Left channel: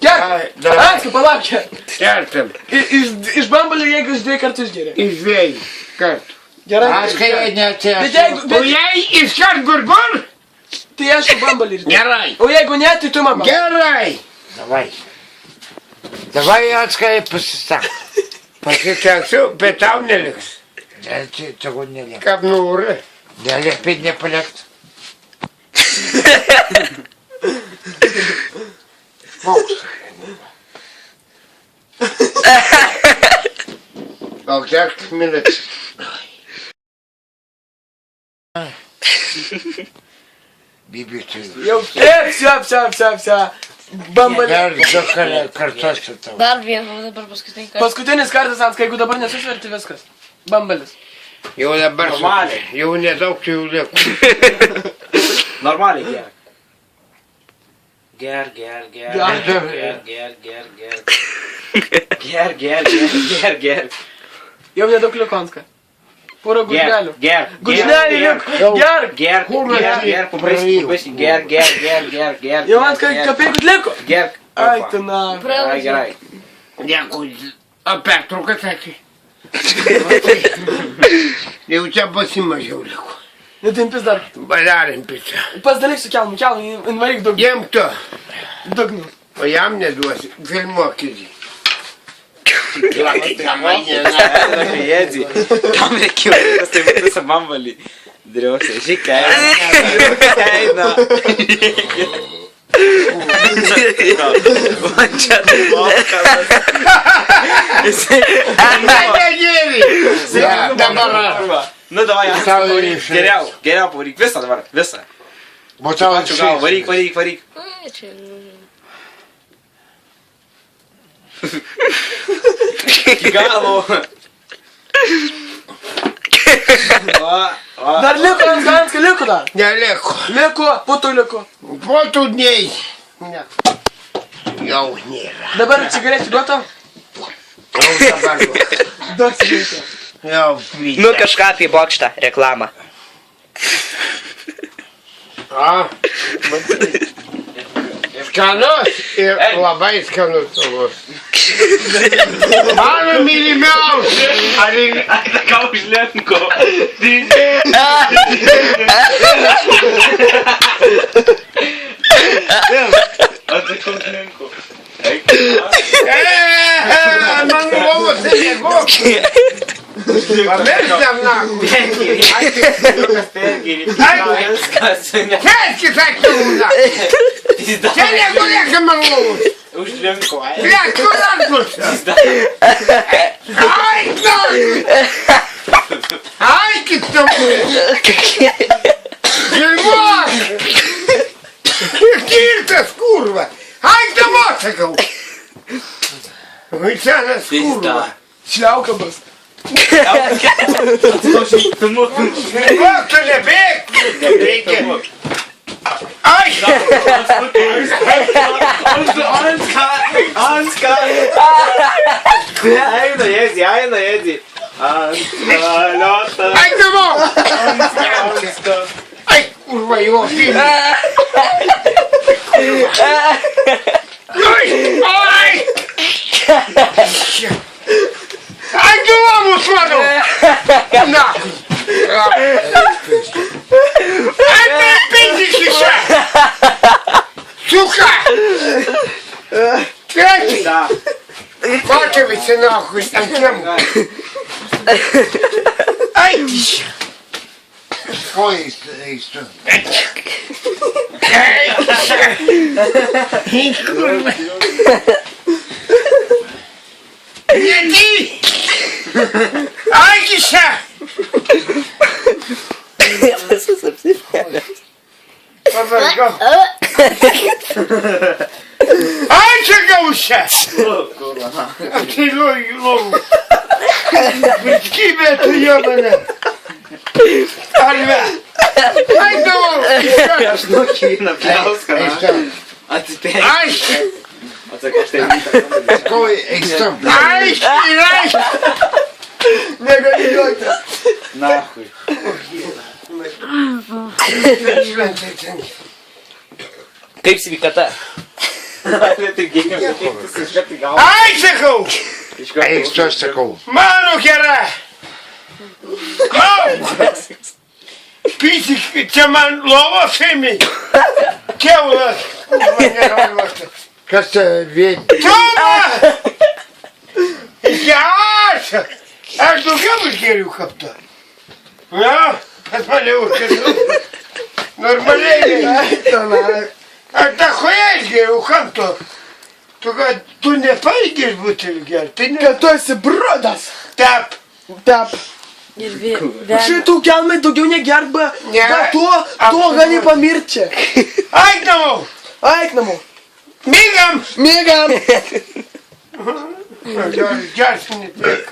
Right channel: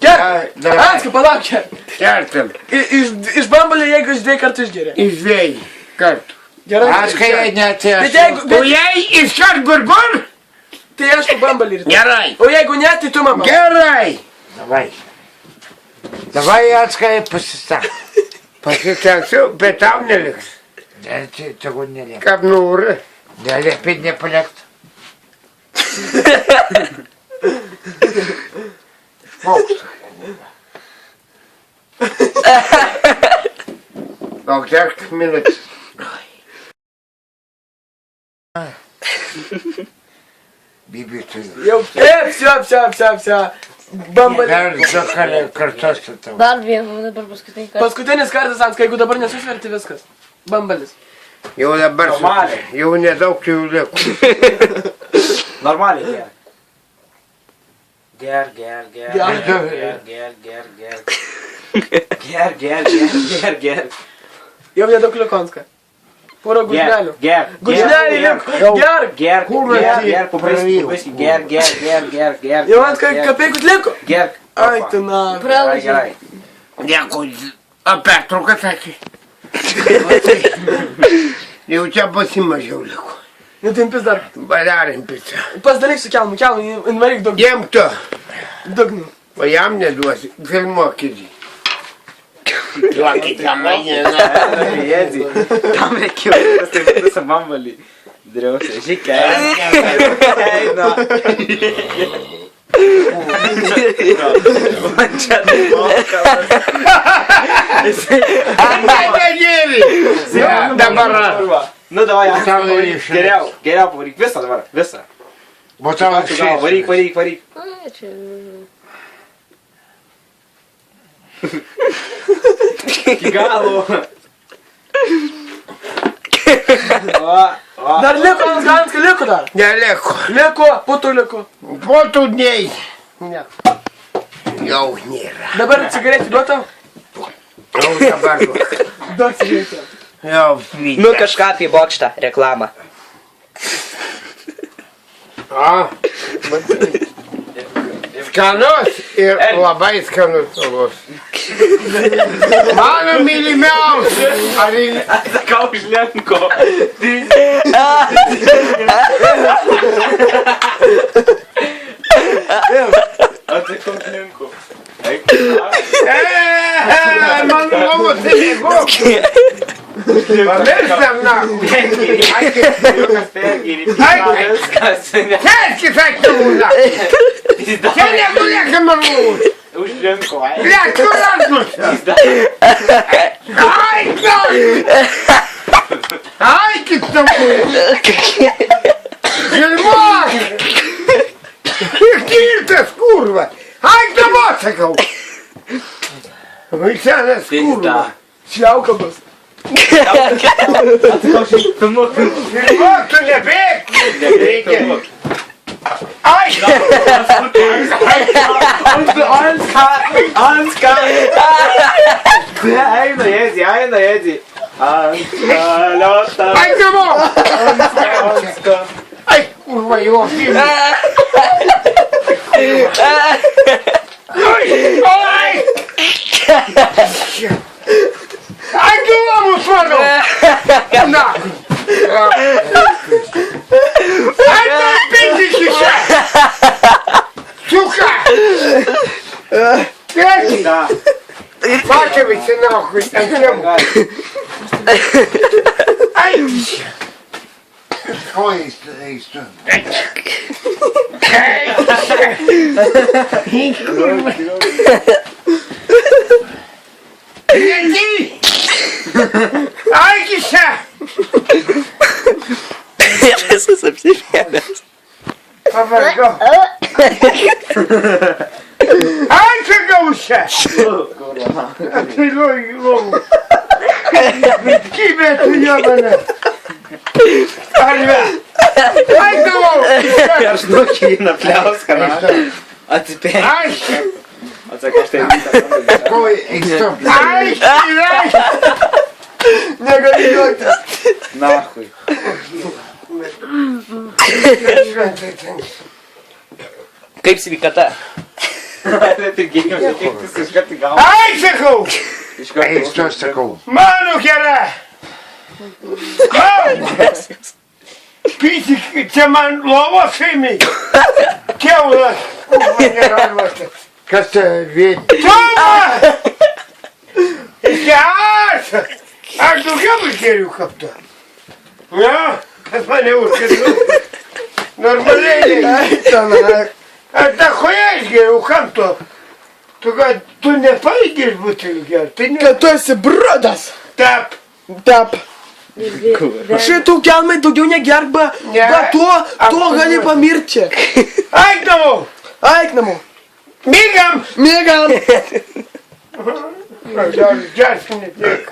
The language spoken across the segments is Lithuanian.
Gerk. Atskai, palauk, gerk. Gertam. Iš bambalio jeigu iš 2 kartų išgeria. Iš 2 kartų. Gerai. Aš kai neatsiašiu. Bet jeigu... O jei iškart burbur? Tai aišku bambalį ir... Gerai. O jeigu ne, tai tu mama. Gerai. Davai atskai pasisak. Pasiteksiu, bet tau neliks. Čia neliek. Kaip nori. Neliepit nepalikt. Gal tiek minutės. Bibi turiu. Jau, все. Bambalį. Dar 2 kartus su tau. Dar vieną, dabar paskutinį kartą. Paskutinis kartas, Atskai, jeigu dabar nesusverti viskas. Bambalis. Jau dabar, Normaliai. jau nedaug jų lieko. Normaliai ger. Ger. Jau nedaug liko, Atskai. Puro gužnelių. Ger. Gužnelių liko. Gerk. Ger. Jau, Atskai, kapeikus liko. Ger. Ai, tu na. Gerai. Nieko, a pertrauką sakė. Jau čia pasimažiau liko. Netimpis dar. Padarim pizzą. Pasidaryk su kelmu, invaryk daug. Jiem tu, Dugnu. o jam neduosi. Filmuokit jį. Jėdzi. Tam reikėjo visą bambalį. Driausia, žikai. Eina. Man čia Dabar. Nu, davai, geriau pavaryk. Visą dabar, visą. O tau Ačiū gal, varyk. Ai, čia, nežinau. Iki galo. Dar liko, Atskai, liko dar. Neliko. Liko, putų liko. Po tų dniai. Jau nėra. Dabar cigarečių duotam? Jau dabar. Duok cigarečių. Jau vyta. Nu kažką apie bokštą, reklamą. A, skanus ir labai skanus alus. Mano mylimiausias. Sakau už Lenko. Atsakau už Lenko. Man lovos nemėgok. Pamirštam nahui. Kelkis atjūna. Čia negulėka man lovos. Už Lenko. Blet, kur randusi? Ai, nori. Ai, kaip tamu. Žilvos. Kirtas, kurva. Ai, dabar sakau. Vaiksenas, kurva. Šliauka bus. Atsakau už Lenko. O, tu nebėg. Nebėgi. Ai. Anska. Eina jėdzi. Anska. Ai, namo. Ai, kurva, jo. Ai. Ai, duomus mano. Na. Ai, nepindik iš čia. Suka. Treki. Pačia visi nahui, ant kiemų. Ai, čia. Ko eistu? Nedi. Ai, čia. Visas apsivėmęs. Pavargau. Ai, čia gausia. Apsiliuoju į lovą. Vitkybė tu jėmane. Arve. Ai, davau. Aš nukina pliauską. Atsipėk. Ai. Atsakau, štai Ko eistu? Ai, Negali juoktis. Nahui. Kaip sveikata? Tai geriau sutiktis iš karto gal. Ai, sakau! Iš karto. Eik tu, sakau. Mano gera! Pisik, čia man lovos šeimiai. Kiaulas. Kas vien? Toma! Aš! Aš daugiau išgeriu kaptą. Na, pas mane užkėliu. Normaliai. Aš tą choją išgeriu, kam to? Tu nepaigės butelį gerti. Tai ne... Kad tu esi brudas. Tap. Tap. Ir vėl. Šitų kelmai daugiau negerk, Ne. bet tuo gali pamirti čia. Eik namo. Eik namo. Mygam. Mėgam. Gersi ne tiek.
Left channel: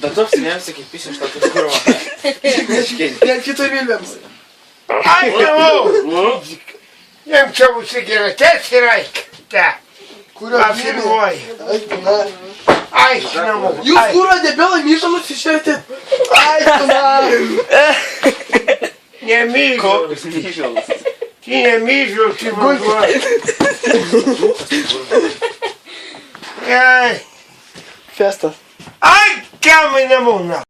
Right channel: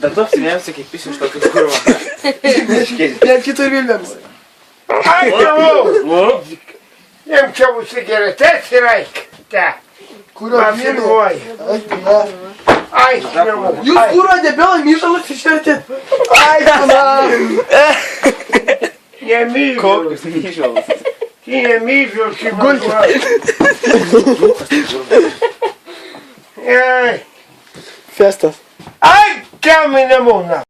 Bet tu apsinemsi kaip pisi iš tokio kurvo. Vėl kitur vilniams. Eik namo. Jiem čia užsigeretės ir eik. Te. Apsinuoji. Eik namo. Jūs kūro debilai myžalus išvertėt. Eik namo. Nemyžau. Kokius myžalus. Ti nemyžau, ti vanduoji. Ei. Festas. Ai, kam į namų, na.